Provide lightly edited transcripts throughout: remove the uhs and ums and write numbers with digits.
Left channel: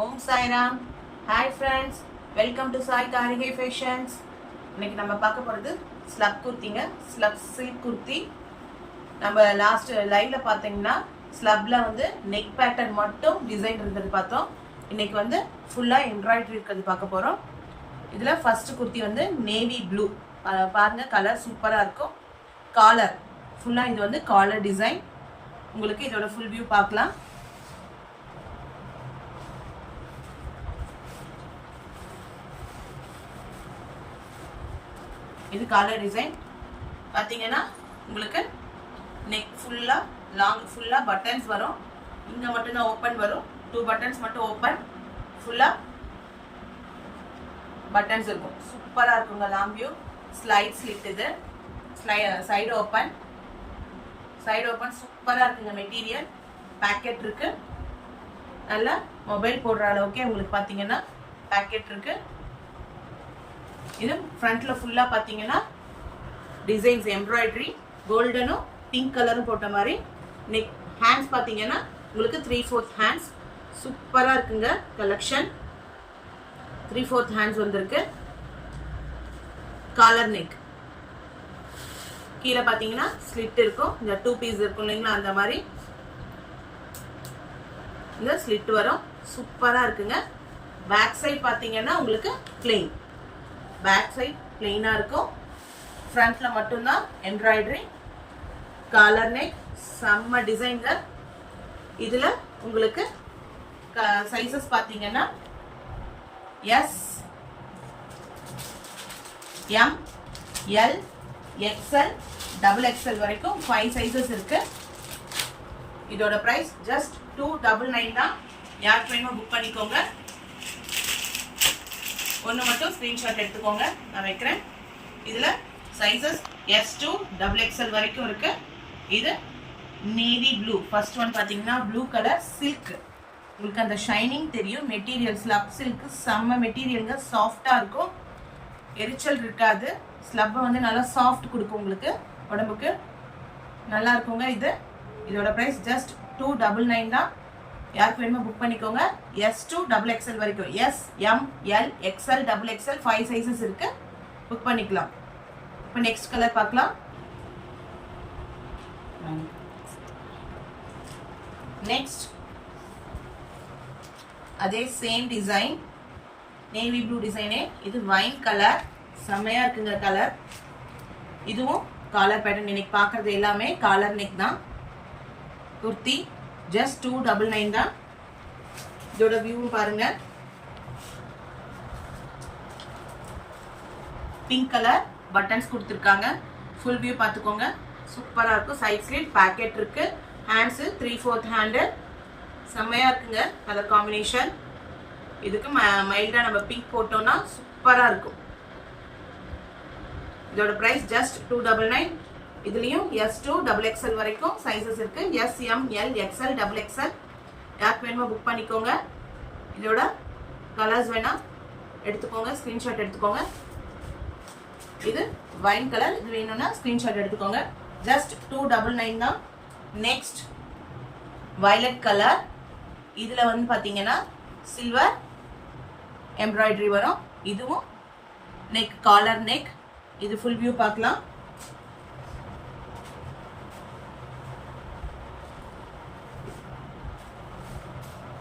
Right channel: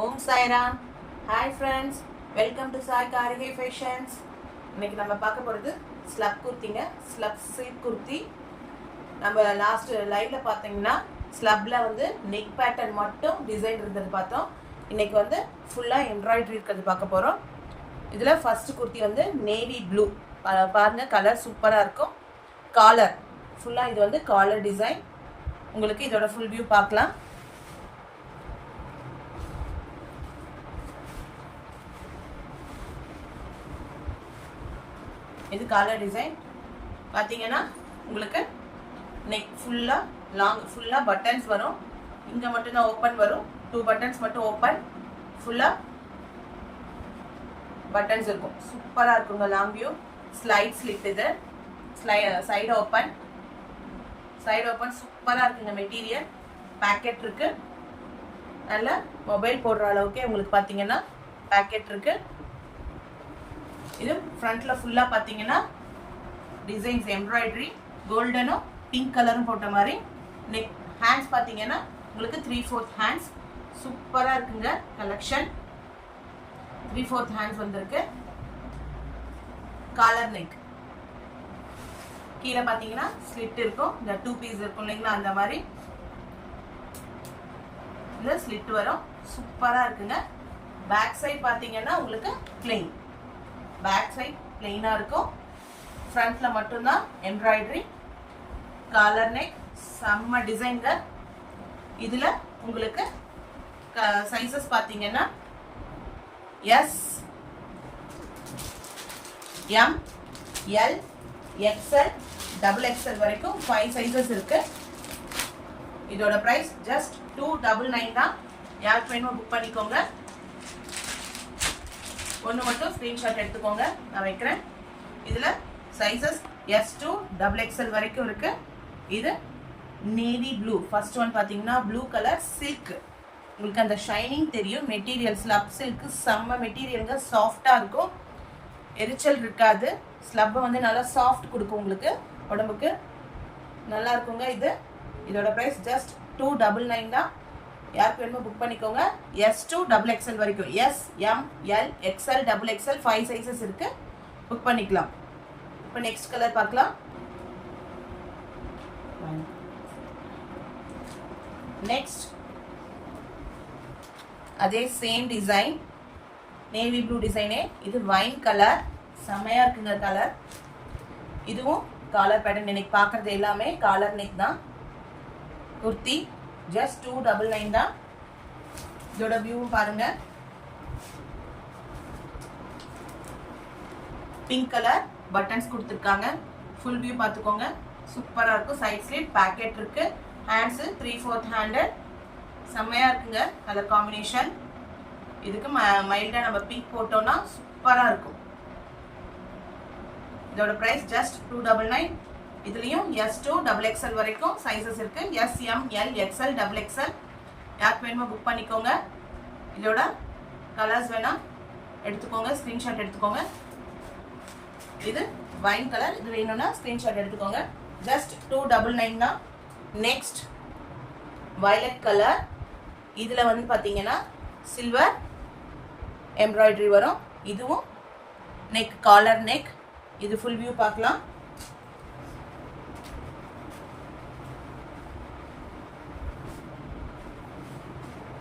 Om Sairam. Hi friends, welcome to Sai Karigai fashions. இன்னைக்கு நம்ம பார்க்க போகிறது ஸ்லப் குர்த்திங்க. Slub silk kurti. நம்ம லாஸ்ட் லைவ்ல பார்த்தீங்கன்னா ஸ்லப்ல வந்து நெக் பேட்டர்ன் மட்டும் டிசைன் இருந்தது பார்த்தோம். இன்னைக்கு வந்து ஃபுல்லாக எம்ப்ராய்டரி இருக்கிறது பார்க்க போகிறோம். இதில் ஃபர்ஸ்ட் குர்த்தி வந்து நேவி ப்ளூ. பாருங்க, கலர் சூப்பராக இருக்கும். காலர் ஃபுல்லாக இது வந்து காலர் டிசைன். உங்களுக்கு இதோட ஃபுல் வியூ பார்க்கலாம். இது காலர் டிசைன். பார்த்தீங்கன்னா உங்களுக்கு நெக் ஃபுல்லாக பட்டன்ஸ் வரும். இங்கே மட்டும்தான் ஓப்பன் வரும். 2 பட்டன்ஸ் மட்டும் ஓப்பன். ஃபுல்லாக பட்டன்ஸ் இருக்கும். சூப்பராக இருக்குங்க. Long view slide slit. இது சைடு ஓப்பன் சூப்பராக இருக்குங்க. மெட்டீரியல் பேக்கெட் இருக்கு. நல்ல மொபைல் போடுற அளவுக்கு உங்களுக்கு பார்த்தீங்கன்னா பேக்கெட் இருக்கு. இது ஃப்ரண்ட்ல ஃபுல்லா பாத்தீங்கன்னா டிசைன்ஸ் எம்ப்ராய்டரி கோல்டனும் பிங்க் கலரும் போட்ட மாதிரி. நெக் ஹேண்ட்ஸ் பாத்தீங்கன்னா உங்களுக்கு 3/4 ஹேண்ட்ஸ். சூப்பரா இருக்குங்க கலெக்ஷன். 3/4 ஹேண்ட்ஸ் வந்திருக்கு. Collar neck. கீழே பாத்தீங்கன்னா ஸ்லிட் இருக்கும். இந்த 2 பீஸ் இருக்கும் இல்லைங்களா, அந்த மாதிரி இந்த ஸ்லிட் வரும். சூப்பரா இருக்குங்க. பேக் சைடு பாத்தீங்கன்னா உங்களுக்கு பிளெயின். பேக் சைட் பிளெயினா இருக்கும். ஃப்ரண்ட்ல மட்டும்தான் எம்ப்ராய்டரி. Collar neck. செம்ம டிசைன்ல. இதுல உங்களுக்கு சைசஸ் பாத்தீங்கன்னா S, M, L, XL, XXL வரைக்கும் 5 சைசஸ் இருக்கு. இதோட பிரைஸ் ஜஸ்ட் 299 தான். யாருக்கு வேணுமோ புக் பண்ணிக்கோங்க. ஒன்று மட்டும் ஸ்க்ரீன்ஷாட் எடுத்துக்கோங்க, நான் வைக்கிறேன். இதில் சைஸஸ் S to XXL வரைக்கும் இருக்கு. இது நேவி ப்ளூ. ஃபர்ஸ்ட் ஒன் பார்த்தீங்கன்னா ப்ளூ கலர் சில்க். உங்களுக்கு அந்த ஷைனிங் தெரியும். மெட்டீரியல் ஸ்லப் சில்க் செம்ம மெட்டீரியலுங்க. சாஃப்டாக இருக்கும், எரிச்சல் இருக்காது. ஸ்லப் வந்து நல்லா சாஃப்ட் கொடுக்கும் உங்களுக்கு உடம்புக்கு. நல்லா இருக்குங்க. இதோட ப்ரைஸ் ஜஸ்ட் 299 தான். யாருக்கு வேணுமோ புக் பண்ணிக்கோங்க. S to XXL வரைக்கும். S, M, L, XL, XXL 5 sizes இருக்கு. புக் பண்ணிக்கலாம். இப்போ நெக்ஸ்ட் கலர் பார்க்கலாம். நெக்ஸ்ட் அதே சேம் டிசைன், நேவி ப்ளூ டிசைனே. இது வைன் கலர். செம்மையா இருக்குங்க கலர். இதுவும் காலர் பேட்டர்ன். இன்னைக்கு பார்க்கறது எல்லாமே காலர் நெக் தான். குர்த்தி ஜஸ்ட் 299 தான். இதோட வியூவும் பாருங்க. பிங்க் கலர் பட்டன்ஸ் கொடுத்துருக்காங்க. ஃபுல் வியூ பார்த்துக்கோங்க. சூப்பராக இருக்கும். சைட் ஸ்லிட் பேக்கெட் இருக்கு. Hands 3/4 handle. செம்மையா இருக்குங்க கலர் காம்பினேஷன். இதுக்கு மைல்டா நம்ம பிங்க் போட்டோம்னா சூப்பரா இருக்கும். இதோட பிரைஸ் ஜஸ்ட் 299. இதுலயும் S to XXL வரைக்கும் சைஸஸ் இருக்கு. S, M, L, XL, XXL. யாருக்கு வேணுமோ புக் பண்ணிக்கோங்க. இதோட கலர்ஸ் வேணா எடுத்துக்கோங்க, ஸ்கிரீன்ஷாட் எடுத்துக்கோங்க. இது வைன் கலர். இது வேணும்னா ஸ்கிரீன்ஷாட் எடுத்துக்கோங்க. ஜஸ்ட் 299 தான். Next violet colour. இதுல வந்து பாத்தீங்கன்னா சில்வர் எம்ப்ராய்டரி வரும். இதுவும் நெக் காலர் நெக். இது ஃபுல் வியூ பார்க்கலாம்.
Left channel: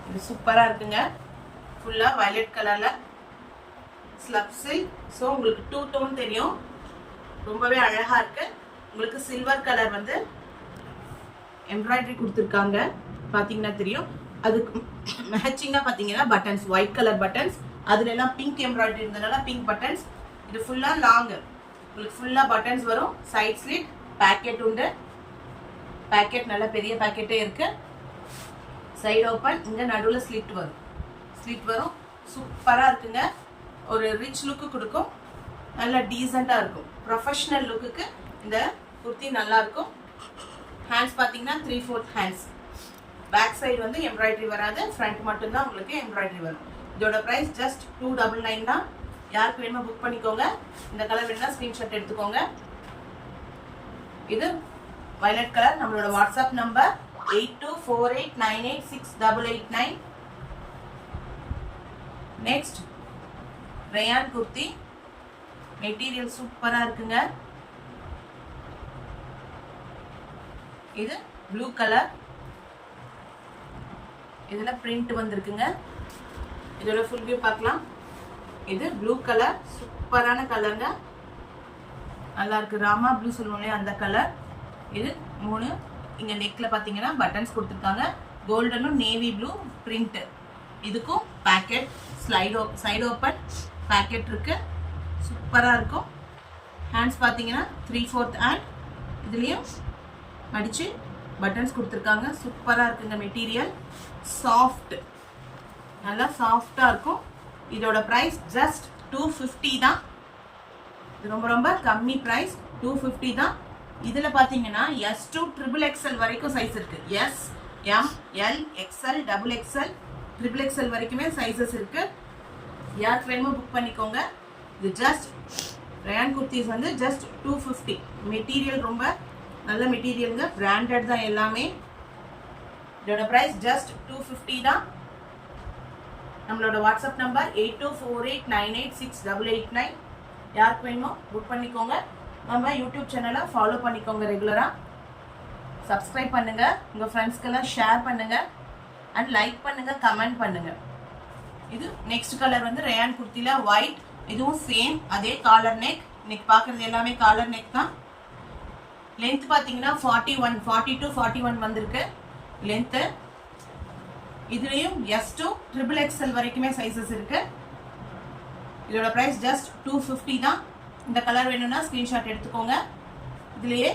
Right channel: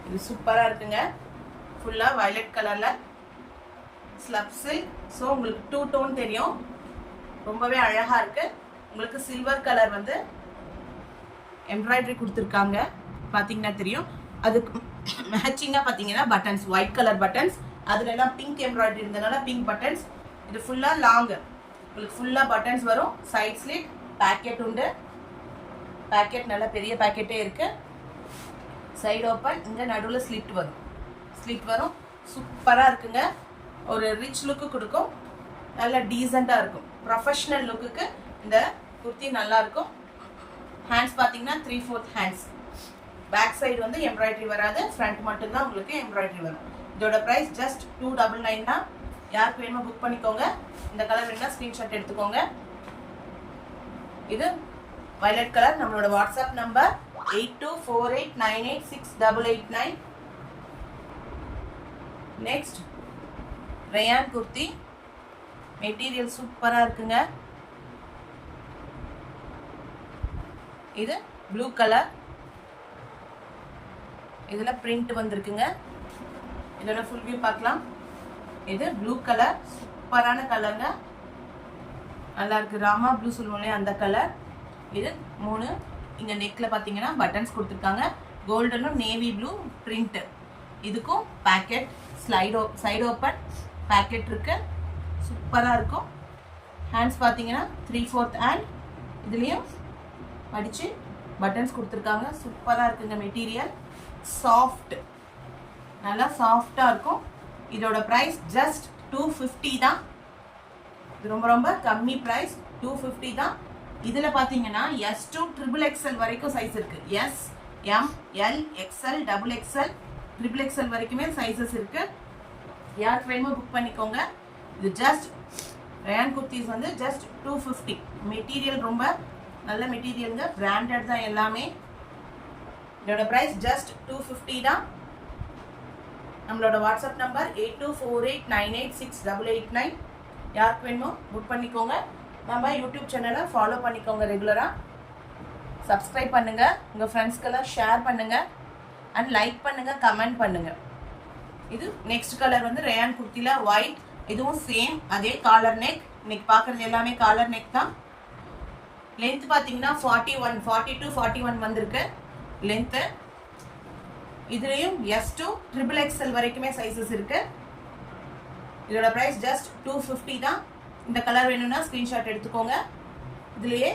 இது சூப்பரா இருக்குங்க. ஃபுல்லா வயலட் கலர்ல ஸ்லப் சில்க். ஸோ உங்களுக்கு 2 டோன் தெரியும். ரொம்பவே அழகா இருக்கு. உங்களுக்கு சில்வர் கலர் வந்து எம்ப்ராய்டரி கொடுத்துருக்காங்க. பாத்தீங்கன்னா தெரியும். அதுக்கு மேட்சிங்கா பாத்தீங்கன்னா பட்டன்ஸ், ஒயிட் கலர் பட்டன்ஸ். அதுல எல்லாம் பிங்க் எம்ப்ராய்டரி இருந்ததுனால பிங்க் பட்டன்ஸ். இது ஃபுல்லா லாங். உங்களுக்கு ஃபுல்லா பட்டன்ஸ் வரும். சைட் ஸ்லிட் பேக்கெட் உண்டு. பேக்கெட் நல்ல பெரிய பேக்கெட்டே இருக்கு. Side open. இங்க நடுவில் ஸ்லிட் வரும். சூப்பரா இருக்குங்க. ஒரு ரிச் லுக்கு கொடுக்கும். நல்ல டீசெண்டா இருக்கும். ப்ரொஃபஷனல் லுக்குக்கு இந்த குர்த்தி நல்லா இருக்கும். ஹேண்ட்ஸ் பாத்தீங்கன்னா 3/4 ஹேண்ட்ஸ். பேக் சைடு வந்து எம்ப்ராய்டரி வராது. ஃப்ரண்ட் மட்டும் தான் உங்களுக்கு எம்ப்ராய்டரி வரும். இதோட பிரைஸ் ஜஸ்ட் 299 தான். யாருக்கு வேணுமோ புக் பண்ணிக்கோங்க. இந்த கலர் வேணா ஸ்கிரீன்ஷாட் எடுத்துக்கோங்க. இது வயலட் கலர். நம்மளோட WhatsApp number 8248986889. Next rayon kurti. Material சூப்பரா இருக்குங்க. இது ப்ளூ கலர், இதுல பிரிண்ட் வந்திருக்குங்க. இதோட ஃபுல் வியூ பார்க்கலாம். இது ப்ளூ கலர், சூப்பரான கலருங்க, நல்லா இருக்கு. ராமா ப்ளூ சொல்லுவோம் அந்த கலர். இது 3. இங்க நெக்ல பாத்தீங்கன்னா பட்டன்ஸ் கொடுத்துருக்காங்க. கோல்டனும் நேவி ப்ளூ பிரிண்ட். இதுக்கும் பேக்கெட் சைடு ஓப்பன் பேக்கெட் இருக்கு. சூப்பரா இருக்கும். ஹேண்ட்ஸ் பாத்தீங்கன்னா 3/4 ஹேண்ட். இதுலயும் மடிச்சு பட்டன்ஸ் கொடுத்துருக்காங்க. சூப்பரா இருக்குங்க. மெட்டீரியல் சாஃப்ட், நல்லா சாஃப்டா இருக்கும். இதோட பிரைஸ் ஜஸ்ட் 250 தான். இது ரொம்ப ரொம்ப கம்மி பிரைஸ், 250 தான். இதுல பாத்தீங்கன்னா S to XXL வரைக்கும் சைஸ் இருக்கு. S, M, L, XL, XXL, XXL வரைக்குமே சைஸஸ் இருக்கு. யாருக்கு வேணுமோ புக் பண்ணிக்கோங்க. இது ஜஸ்ட் ரயான் குர்த்திஸ் வந்து ஜஸ்ட் 250. மெட்டீரியல் ரொம்ப நல்ல மெட்டீரியலுங்க, பிராண்டட் தான் எல்லாமே. இதோட பிரைஸ் ஜஸ்ட் 250 தான். நம்மளோட வாட்ஸ்அப் நம்பர் 8248986889. யாருக்கு வேணுமோ புக் பண்ணிக்கோங்க. நம்ம யூடியூப் சேனலை ஃபாலோ பண்ணிக்கோங்க. ரெகுலராக சப்ஸ்கிரைப் பண்ணுங்க, உங்க ஃப்ரெண்ட்ஸ்க்கெல்லாம் ஷேர் பண்ணுங்க, அண்ட் லைக் பண்ணுங்க, கமெண்ட் பண்ணுங்க. இது நெக்ஸ்ட் கலர் வந்து ரயான் குர்த்தில ஒயிட். இதுவும் சேம் அதே காலர் நெக். இன்னைக்கு பார்க்கறது எல்லாமே காலர் நெக் தான். லென்த் பாத்தீங்கன்னா 42-41 வந்திருக்கு லென்த். இதுலயும் S to XXL வரைக்குமே சைஸஸ் இருக்கு. இதோட பிரைஸ் ஜஸ்ட் 250 தான். இந்த கலர் வேணும்னா ஸ்கிரீன்ஷாட் எடுத்துக்கோங்க. இதுலயே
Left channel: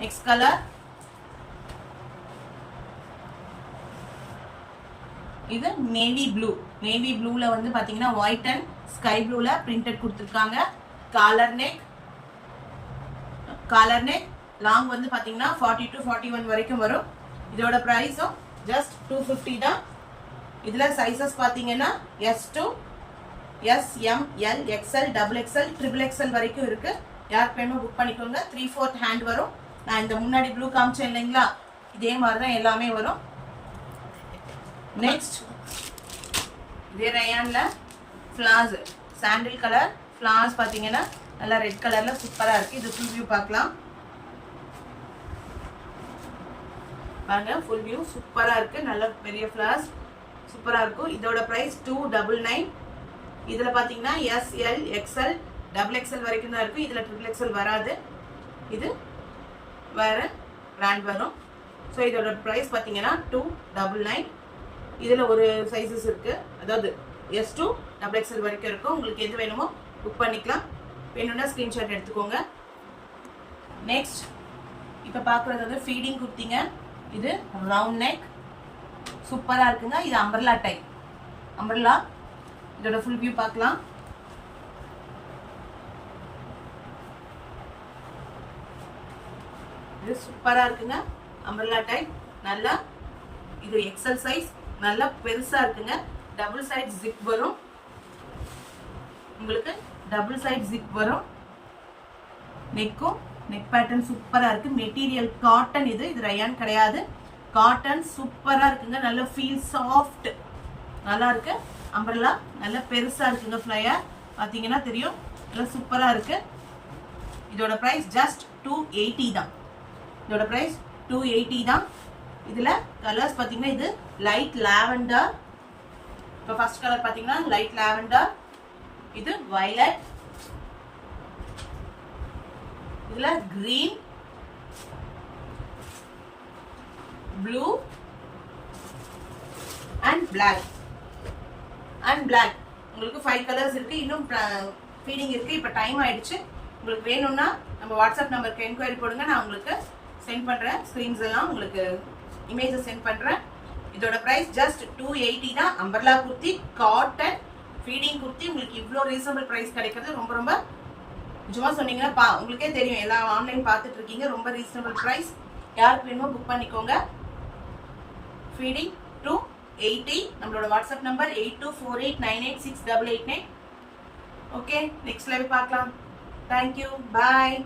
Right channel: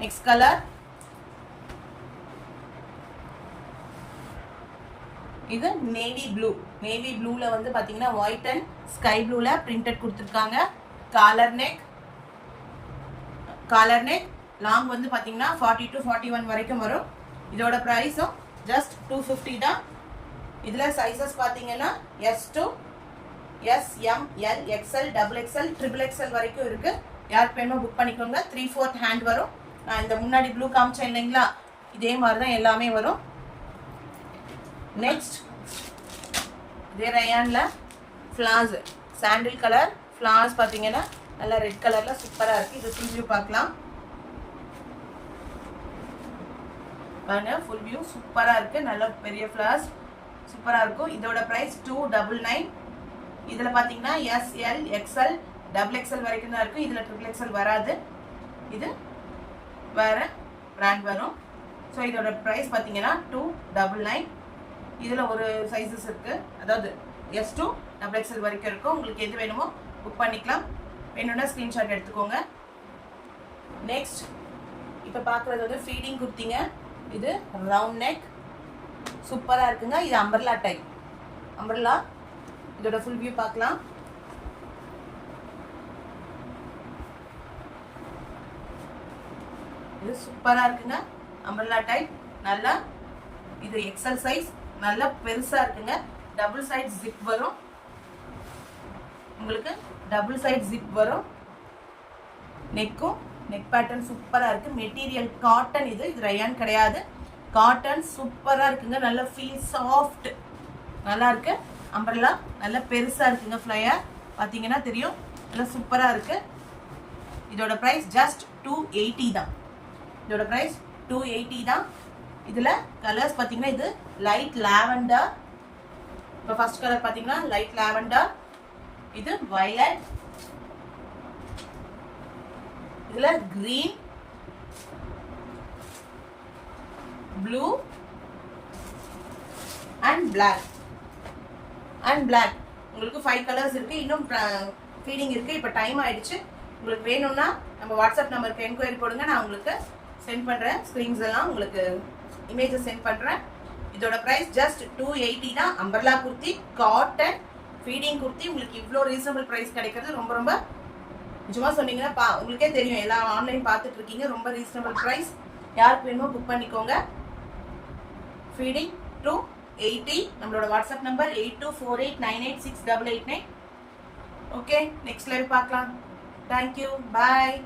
நெக்ஸ்ட் கலர், இது நேவி ப்ளூ. நேவி ப்ளூல வந்து பாத்தீங்கன்னா ஒயிட் அண்ட் ஸ்கை ப்ளூல பிரிண்டட் கொடுத்துருக்காங்க. காலர் நெக் லாங் வந்து பாத்தீங்கன்னா 40-41 வரைக்கும் வரும். இதோட பிரைஸும் ஜஸ்ட் 250 தான். இதுல சைஸஸ் பாத்தீங்கன்னா S to S, M, L, XL, XXL, XXL வரைக்கும் இருக்கு. யாருக்கு வேணுமோ புக் பண்ணிக்கோங்க. 3/4 ஹேண்ட் வரும். நான் இந்த முன்னாடி ப்ளூ காமிச்சேன் இல்லைங்களா, இதே மாதிரிதான் எல்லாமே வரும். நெக்ஸ்ட் இதே ரயான்ல ஃபிளார்ஸ், சாண்டில் கலர் ஃபிளார்ஸ் பாத்தீங்கன்னா நல்லா ரெட் கலர்ல சூப்பரா இருக்கு. இது ஃபுல் வியூ பார்க்கலாம். பாருங்க, ஃபுல் வியூ சூப்பரா இருக்கு. நல்ல பெரிய ஃபிளார்ஸ் சூப்பரா இருக்கும். இதோட பிரைஸ் 299. இதுல பாத்தீங்கன்னா S, L, XL, XXL வரைக்கும் தான் இருக்கு. இதுல XXL வராது. இது வேற பிராண்ட் வரும். ஸோ இதோட பிரைஸ் பாத்தீங்கன்னா 299. இதுல ஒரு சைஸஸ் இருக்கு, அதாவது S to XXL வரைக்கும் இருக்கும். உங்களுக்கு எது வேணுமோ புக் பண்ணிக்கலாம். வேணும்னா ஸ்கிரீன்ஷாட் எடுத்துக்கோங்க. நெக்ஸ்ட் இப்ப பாக்குறது வந்து ஃபீடிங் குர்த்திங்க. இது ரவுண்ட் நெக் சூப்பரா இருக்குங்க. இது அம்பர்லா டைப். அம்பர்லா. இதோட ஃபுல் வியூ பார்க்கலாம். இது சூப்பரா இருக்குங்க. அம்பர்லா டைப் நல்லா. இது XL சைஸ், நல்லா பெருசா இருக்குங்க. டபுள் சைடு ஜிப் வரும். உங்களுக்கு டபுள் சைடு ஜிப் வரும். நெக்கும் நெக் பேட்டர்ன் சூப்பரா இருக்கு. Material cotton. இது ரயான் கிடையாது, காட்டன். சூப்பரா இருக்குங்க. நல்ல ஃபீல் சாஃப்ட், நல்லா இருக்கு. அம்பர்லா நல்ல பெருசா இருக்குங்க. ஃப்ளையர் பாத்தீங்கன்னா தெரியும், நல்லா சூப்பரா இருக்கு. இதோட பிரைஸ் ஜஸ்ட் 280 தான். இதோட பிரைஸ் 280 தான். இதுல கலர்ஸ் பாத்தீங்கன்னா இது லைட் லாவெண்டர். இப்போ ஃபர்ஸ்ட் கலர் பாத்தீங்கன்னா லைட் லாவெண்டர். இது வயலட். இதுல கிரீன், ப்ளூ அண்ட் பிளாக். உங்களுக்கு 5 கலர்ஸ் இருக்கு. இன்னும் ஃபீடிங் இருக்கு. இப்போ டைம் ஆயிடுச்சு. உங்களுக்கு வேணும்னா நம்ம வாட்ஸ்அப் நம்பருக்கு என்கொயரி போடுங்க. நான் உங்களுக்கு சென்ட் பண்றேன். ஸ்கிரீன்ஸ் எல்லாம் உங்களுக்கு இமேஜஸ் சென்ட் பண்றேன். இதோட பிரைஸ் ஜஸ்ட் 280 தான். Umbrella kurti, cotton feeding kurti. உங்களுக்கு இவ்வளோ ரீசனபிள் பிரைஸ் கிடைக்கிறது ரொம்ப ரொம்ப நிஜமா சொன்னீங்கன்னா உங்களுக்கே தெரியும். எல்லாம் ஆன்லைன் பார்த்துட்டு இருக்கீங்க. ரொம்ப ரீசனபிள் பிரைஸ். யாருக்கு வேணுமோ புக் பண்ணிக்கோங்க. ஃபீடிங் 280. நம்மளோட WhatsApp number 8248986889. Okay, next live பார்க்கலாம். தேங்க்யூ, பாய்.